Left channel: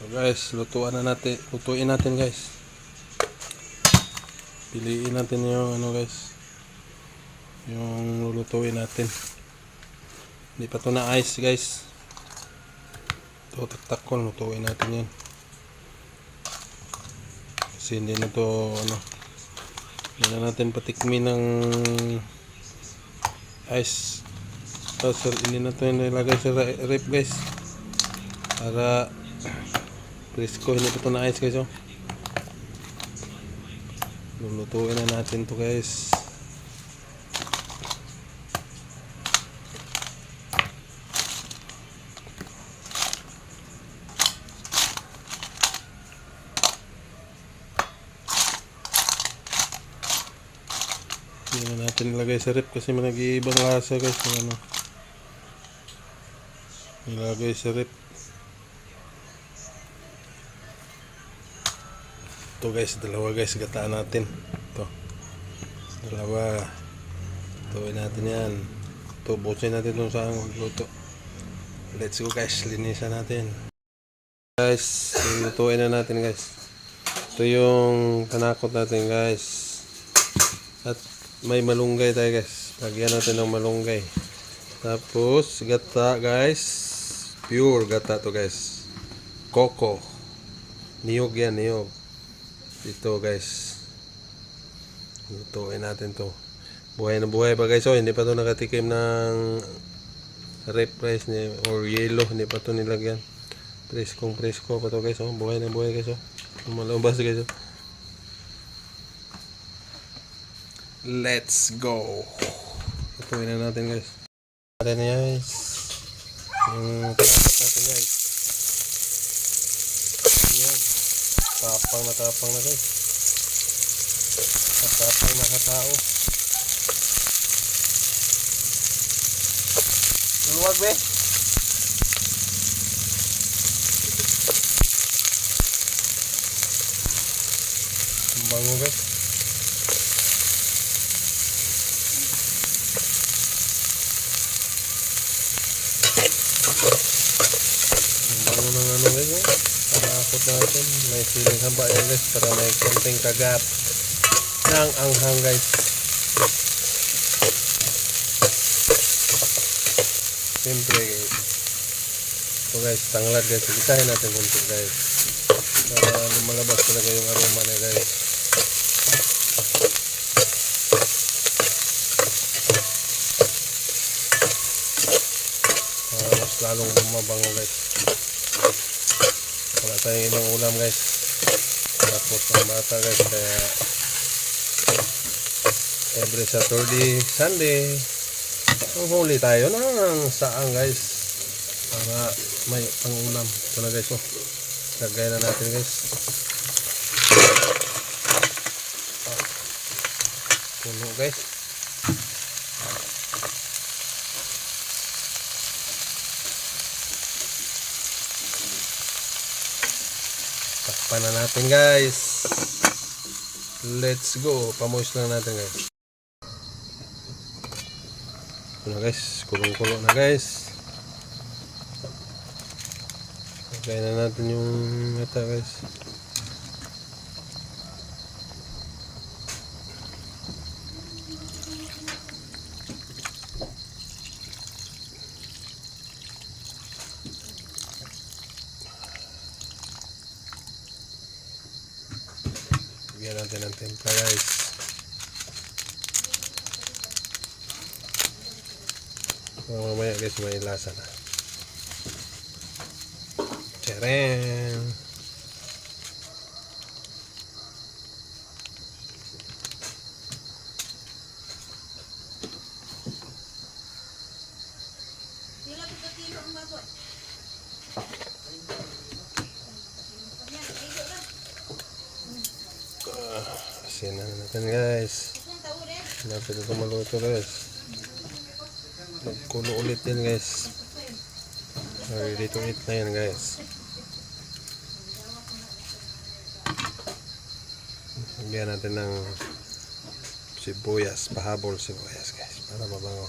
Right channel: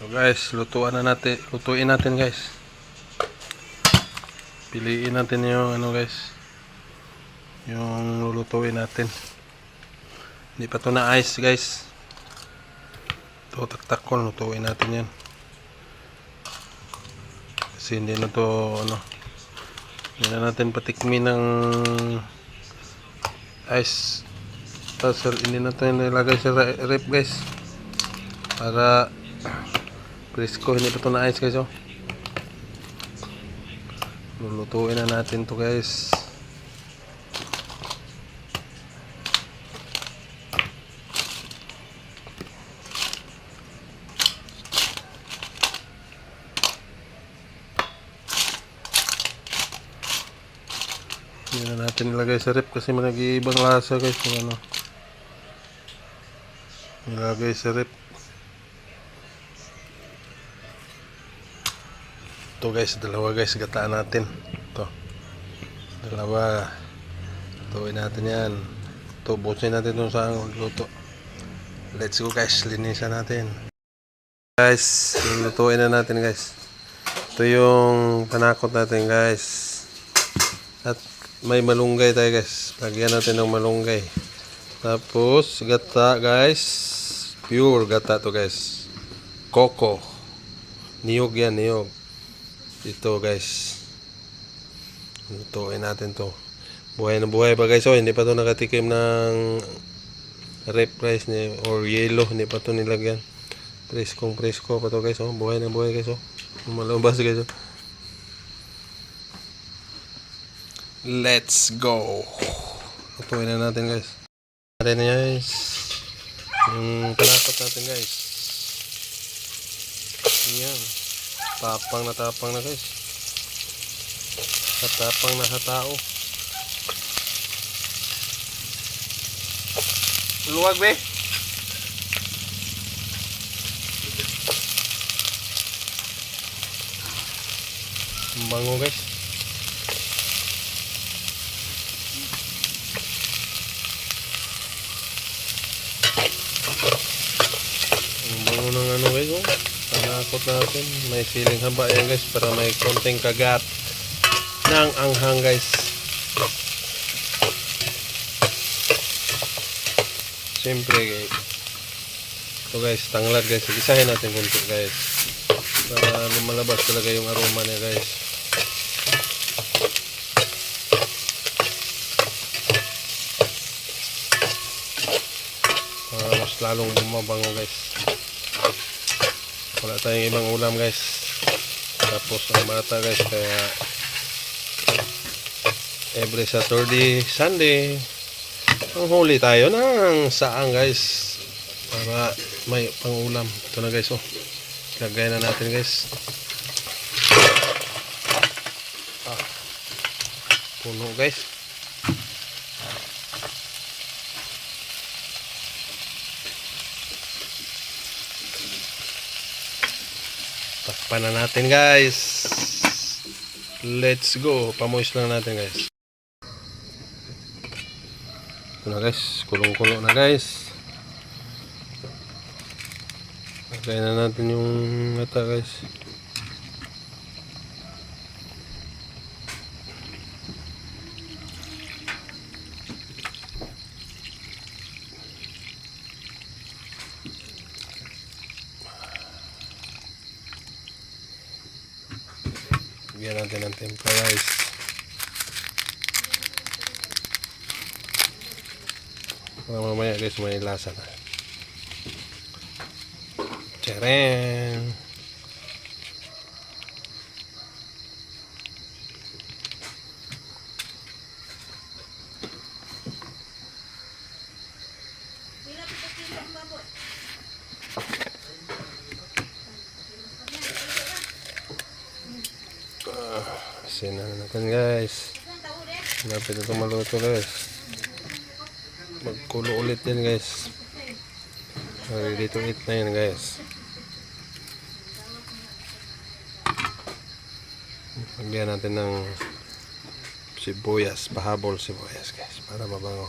So guys, lutuin natin guys. Piliin natin yung ano guys, yung lulutuin natin. Hindi pa to na ice guys. Ito taktak ko, lutuin natin yan. Kasi hindi na to ano, hindi na natin patikmin ng ice. Hindi na to nilagay sa rep guys. Para presko, hindi pa to na ice guys oh. Lulutuin na natin to guys. Hindi na natin nilagay sa rep kasi nag-iibang lasa guys kung ano nilagay sa rep. Ito guys, dalawa guys, gataan natin. Ito, dalawa. Tuloy natin yan. Ito, busin natin itong saan magluto. Let's go guys, linisan natin. Guys, lutuin na natin guys. Ito yung panakot natin guys. At may malunggay tayo guys. Lagyan natin ng malunggay. Tapos, gata guys. Pure gata to guys. Coco. Niyog yan, niyog. Ito guys, lutuin natin to. Buhay na buhay pa guys. Hindi pa to nakatikim ng rep rice ni or yellow. Hindi pa to nilagyan. Presko pa to guys. Buhay na buhay guys. Malabas guys. Let's go. Lutuin na natin guys. Natin guys yung panakot natin guys. Yan. Tapang na guys. Tapang na sa tao. Luwag be. Bango guys. Bango ng ano guys oh. Panakot natin, may feeling haba yan guys para may konting kagat ng anghang guys. Siyempre guys, ito guys, tanglad guys, isahin natin kunti guys para lumalabas talaga yung aroma niya guys. Mas lalong bumabango guys. Wala tayong ibang ulam guys. Tapos ang bata guys, kaya every Saturday, Sunday ang huli tayo ng saang guys para may pang ulam. Ito na guys oh. Lagay na natin guys. Puno guys. Takpan na natin guys. Let's go. Pamoist lang natin guys. Ito na guys. Kulong-kulo na guys. Lagay na natin yung mata guys. Bigyan natin ng timpla guys. Mamaya guys may lasa na. Tcharam! Sina na natin guys. Napit ito maluto guys. Magkulo ulit din guys. Ready to eat na yan guys. Lagyan natin ng sibuyas, pahabol sibuyas guys para mabango.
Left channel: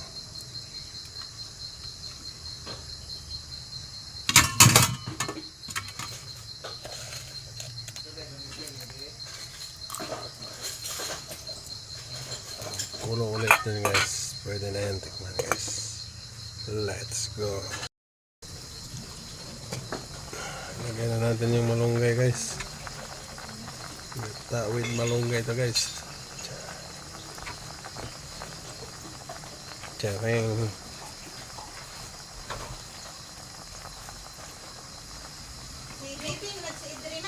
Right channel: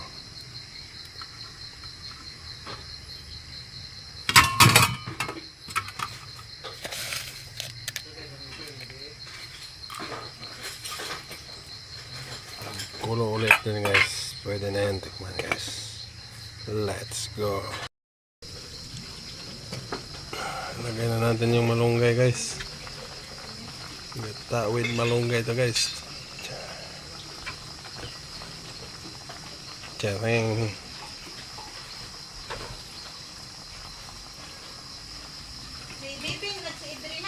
Then guys, pwede na yan. Tikman guys. Let's go. Lagay na natin yung malunggay guys. Gata with malunggay to guys. Tiyareng.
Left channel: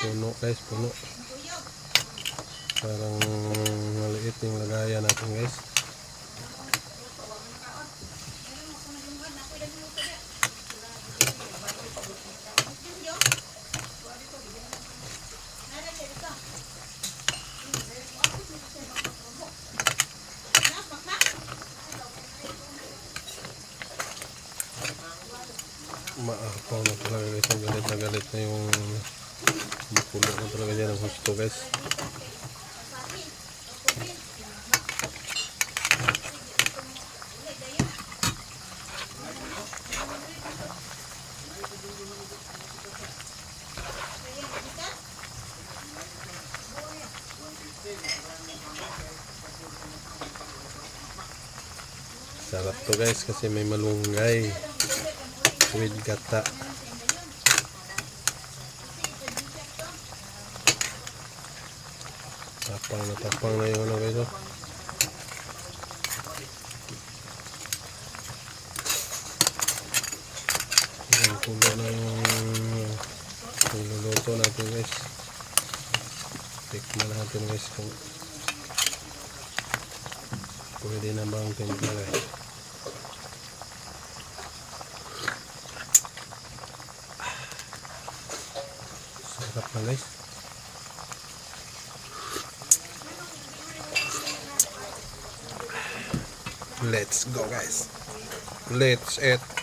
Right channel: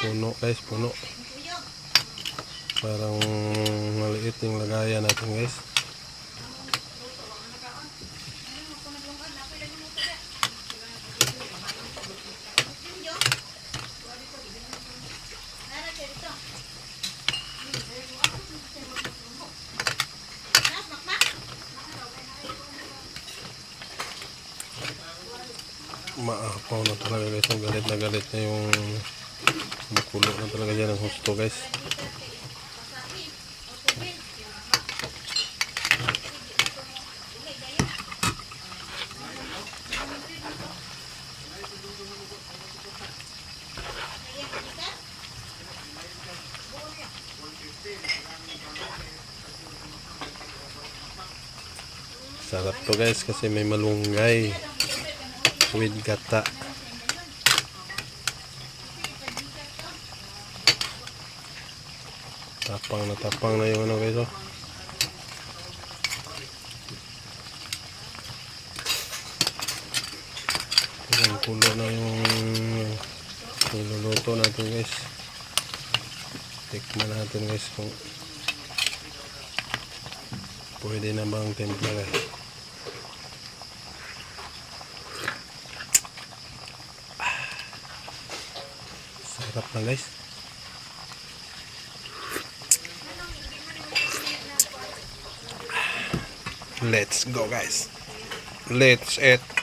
Puno guys, puno. Parang maliit yung lagayan natin guys. Maapaw na talaga guys, ang galit na yung makulo na talaga dyan ang husto guys. Sarap to guys kasi may malunggay with gata. Tapang na yung ano guys oh. Ang kulo na yung niluluto natin guys. Tikman natin guys kung pwede na bang timpla guys. Sarap na guys. Let's go guys. Let's eat.